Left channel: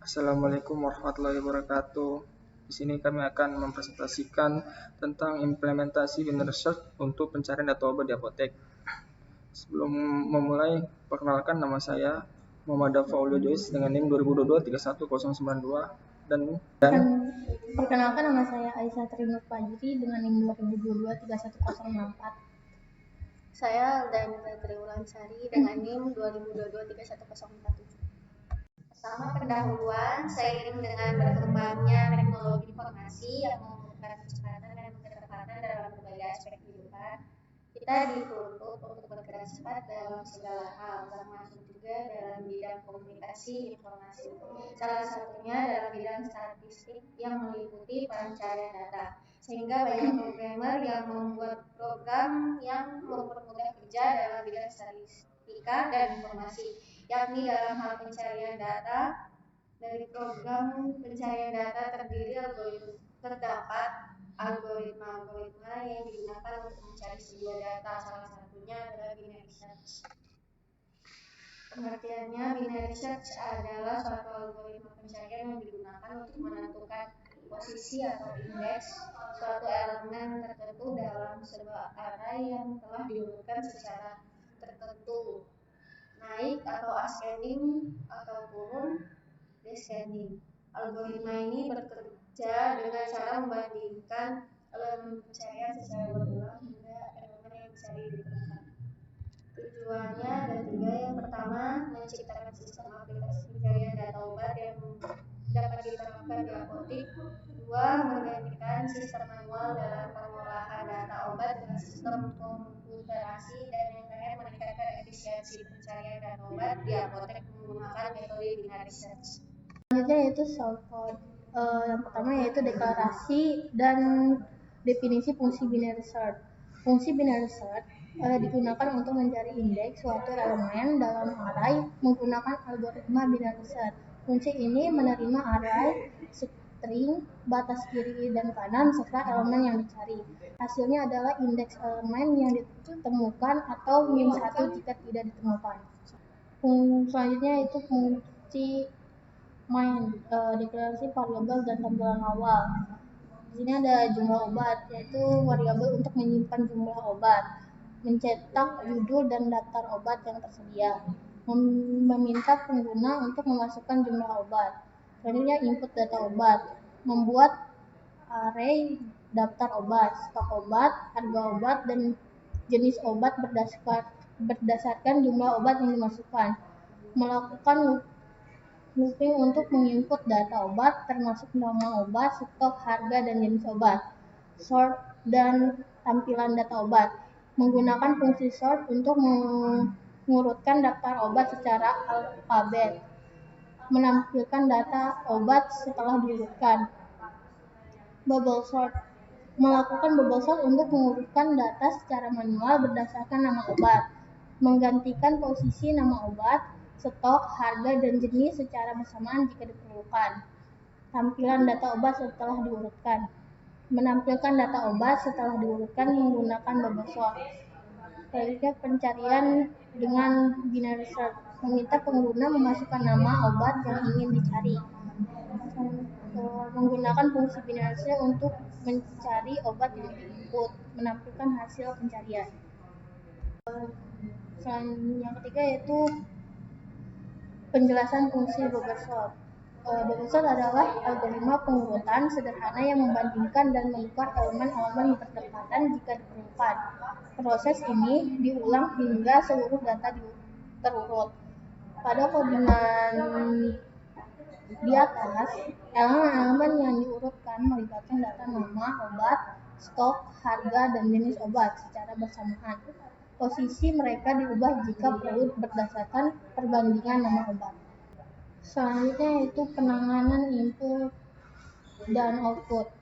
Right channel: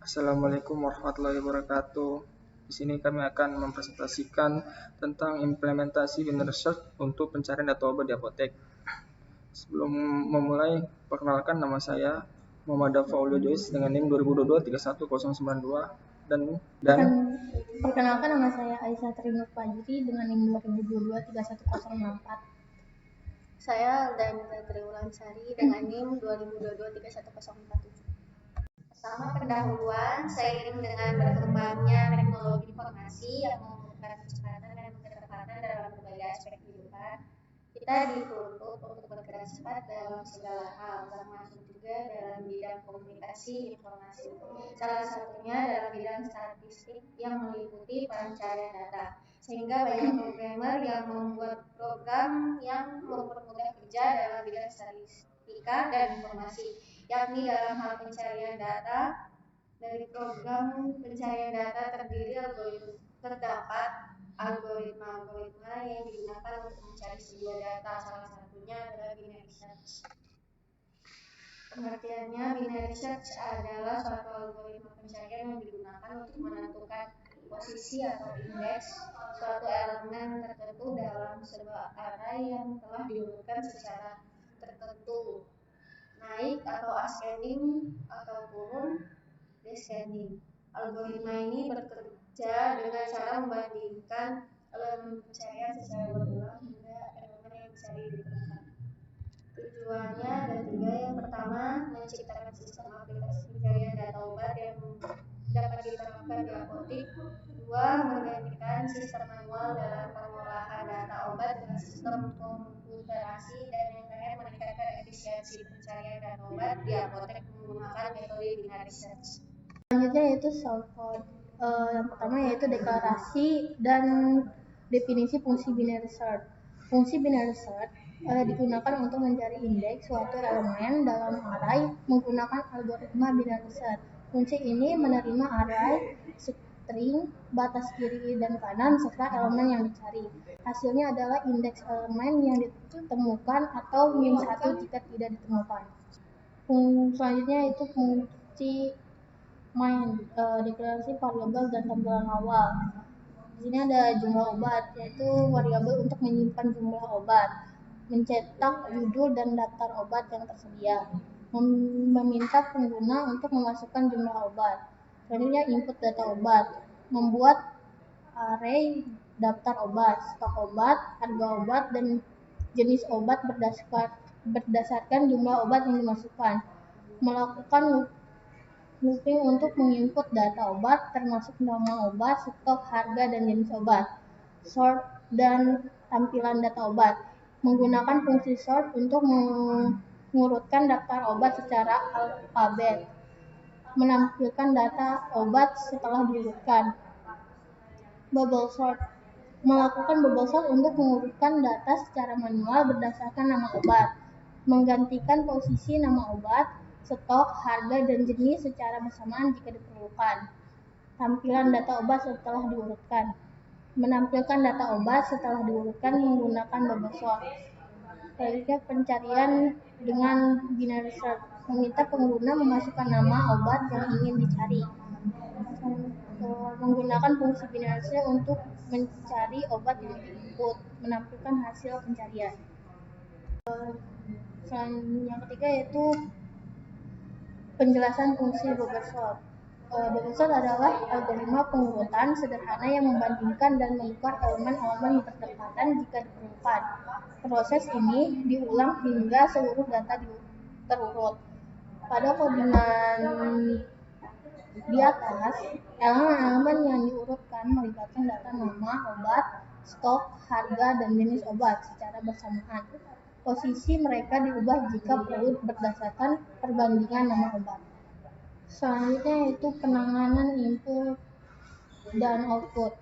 Assalamualaikum warahmatullahi wabarakatuh. Di sini kami akan mempresentasikan tentang implementasi binary search untuk pencarian data obat di apotek. Sebelum memulai, perkenalkan nama saya Muhammad Dafaulio Joyce dengan NIM 2022-31092 dan Perkenalkan nama saya Aisyah Trinur Panji dengan NIM 2022-31004. Saya dari Triwulan Sari dengan NIM 2022-31004. Pertama pendahuluan, seiring dengan berkembangnya teknologi informasi yang membutuhkan kecepatan dan ketepatan dalam berbagai aspek kehidupan, kita dituntut untuk bergerak cepat dalam segala hal, termasuk juga dalam bidang komunikasi informasi. Salah satunya dalam bidang statistik yang meliputi pencarian data. Sehingga banyak programmer yang membuat program yang mempermudah kerja dalam bidang statistika dan informasi, yakni dalam hal pencarian data. Dari program pencarian data terdiri terdapat algoritma-algoritma yang digunakan untuk mencari sebuah data, salah satunya adalah binary search. Pengertiannya, binary search adalah suatu algoritma pencarian yang digunakan untuk menentukan posisi atau indeks suatu elemen tertentu dalam sebuah array yang telah diurutkan secara tertentu, naik atau ascending atau turun descending. Algoritma ini bekerja dengan cara membandingkan elemen pencarian secara berulang hingga elemen yang dicari ditemukan. Tujuannya ada tiga. Yang pertama, menciptakan sistem aplikasi pencarian data obat yang dapat diterapkan di apotek. Dua, menggantikan sistem manual dalam pengolahan data obat dengan sistem komputerasi. Dan yang terakhir, meningkatkan efisiensi pencarian data obat di apotek menggunakan metode binary search. Selanjutnya yaitu shortcode. Yang pertama yaitu deklarasi dan definisi fungsi binary search. Fungsi binary search digunakan untuk mencari indeks suatu elemen dalam array menggunakan algoritma binary search. Fungsi ini menerima array, string, batas kiri dan kanan serta elemen yang dicari. Hasilnya adalah indeks elemen yang ditemukan atau -1 jika tidak ditemukan. Selanjutnya itu fungsi deklarasi variabel dan tampilan awal. Di sini ada jumlah obat, yaitu variabel untuk menyimpan jumlah obat, mencetak judul dan daftar obat yang tersedia, meminta pengguna untuk memasukkan jumlah obat, selanjutnya input data obat, membuat array daftar obat, stok obat, harga obat, dan jenis obat berdasarkan jumlah obat yang dimasukkan, melakukan mungkin untuk menginput data obat termasuk nama obat, stok, harga, dan jenis obat. Sort dan tampilan data obat. Menggunakan fungsi sort untuk mengurutkan daftar obat secara alfabet. Menampilkan data obat setelah diurutkan. Bubble sort. Melakukan bubble sort untuk mengurutkan data secara manual berdasarkan nama obat. Menggantikan posisi nama obat, stok, harga, dan jenis secara bersamaan jika diperlukan. Tampilan data obat setelah diurutkan. Menampilkan data obat setelah diurutkan menggunakan bubble sort. Selanjutnya pencarian dengan binary search. Meminta pengguna memasukkan nama obat yang ingin dicari. Menggunakan fungsi binary search untuk mencari obat di input, menampilkan hasil pencarian. Yang ketiga yaitu penjelasan fungsi bubble sort. Bubble sort adalah algoritma pengurutan sederhana yang membandingkan dan mengikut elemen-elemen yang berdekatan jika diperlukan. Proses ini diulang hingga seluruh data terurut. Pada koordinat di atas, elemen-elemen yang diurutkan melibatkan data nama obat, stok, harga, dan jenis obat secara bersamaan. Posisi mereka diubah jika perlu berdasarkan perbandingan nama obat. Selanjutnya itu penanganan input dan output,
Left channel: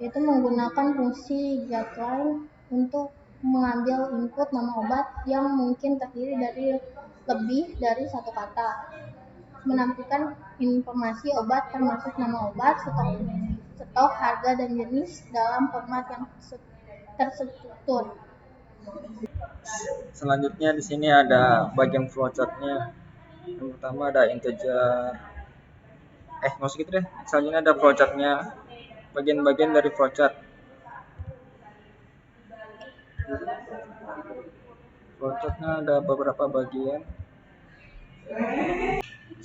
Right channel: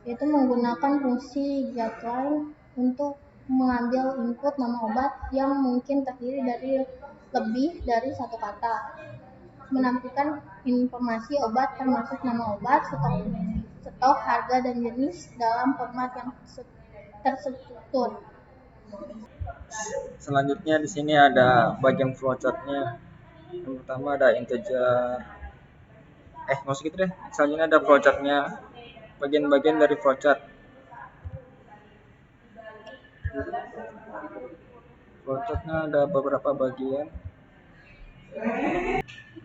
yaitu menggunakan fungsi getLine untuk mengambil input nama obat yang mungkin terdiri dari lebih dari satu kata, menampilkan informasi obat termasuk nama obat, stok, harga, dan jenis dalam format yang terstruktur. selanjutnya di sini ada bagian flowchartnya. Pertama ada integer, Maksud itu deh, misalnya ada flowchart-nya, bagian-bagian dari flowchart. Flowchart-nya ada beberapa bagian.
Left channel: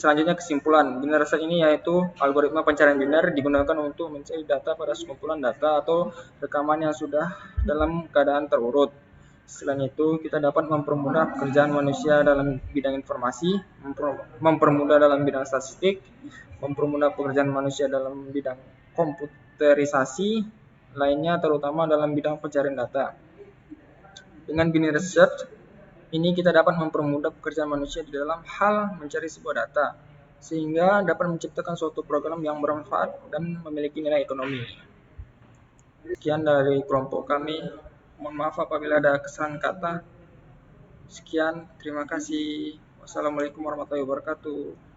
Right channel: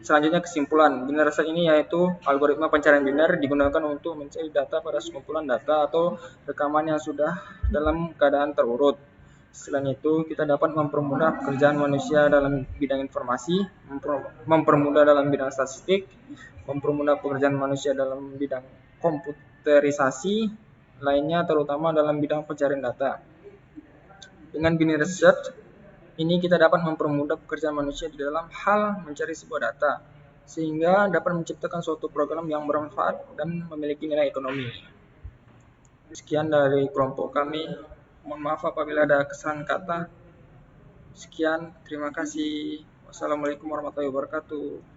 Selanjutnya kesimpulan. Binary search ini yaitu algoritma pencarian binary digunakan untuk mencari data pada kumpulan data atau rekaman yang sudah dalam keadaan terurut. Selain itu, kita dapat mempermudah pekerjaan manusia dalam bidang informasi, mempermudah dalam bidang statistik, mempermudah pekerjaan manusia dalam bidang komputerisasi lainnya, terutama dalam bidang pencarian data. Dengan binary search ini kita dapat mempermudah pekerjaan manusia dalam hal mencari sebuah data, sehingga dapat menciptakan suatu program yang bermanfaat dan memiliki nilai ekonomi. Sekian dari kelompok kami. Mohon maaf apabila ada kesalahan kata. Sekian, terima kasih. Wassalamualaikum warahmatullahi wabarakatuh.